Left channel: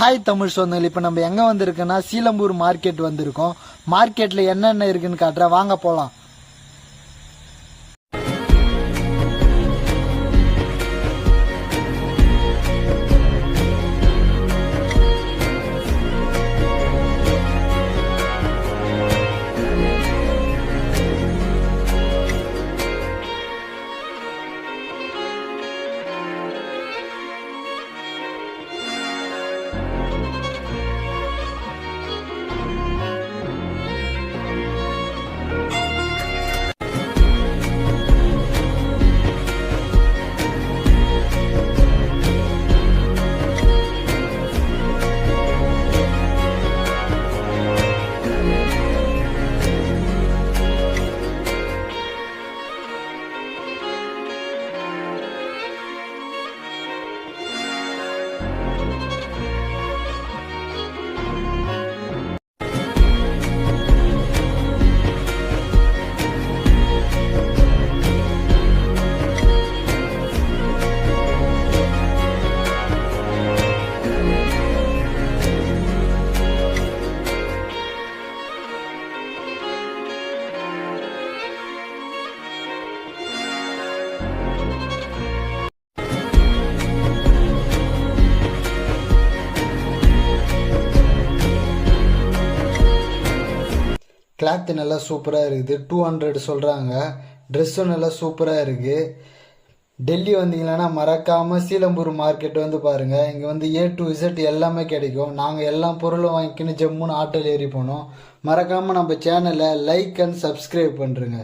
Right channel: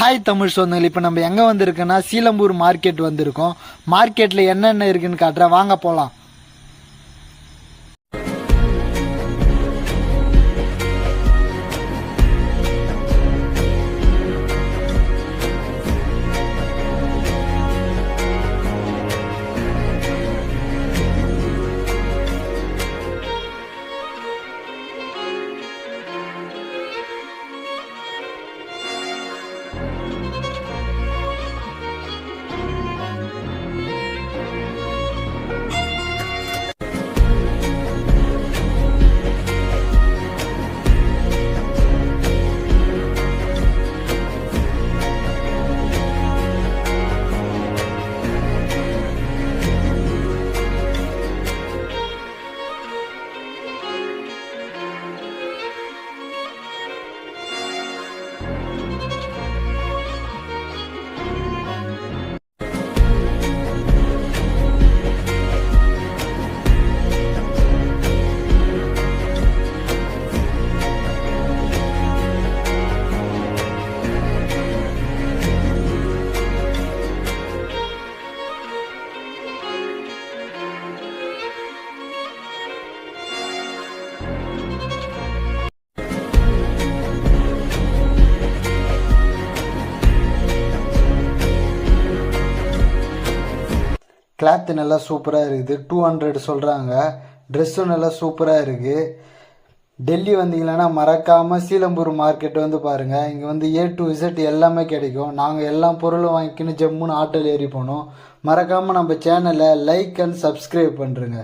Hi Tamil சொந்தங்கள். இப்போ நம்ம எங்கே வந்திருக்கோன்னா சீலம்பூர் மார்க்கெட் வந்திருக்கோம். மார்க்கெட்டில் என்னென்ன இருக்குன்னு காட்டுறேன், வாங்க போகலாம். கிளாத்து நல்லா சூப்பராக இருக்குது. 200 சொல்கிறாங்க. ட்ரெஸ்ஸும் நல்லா சூப்பராக இருக்குது. டெல்லி வந்தீங்கன்னா மறக்காமல் சீலம்பூர் மார்க்கெட் வந்து பாருங்கள். இங்கே வந்து A to Z எல்லாமே கிடைக்கும். நாங்கள் எல்லா பொருளும் வாங்கிக்கின்னு ஜம்முன்னு ஆட்டோவில் ஏறி போனோம். மறக்காமல் நம்ம சேனலை லைக் அண்ட் சப்ஸ்கிரைப் பண்ணுறேங்க.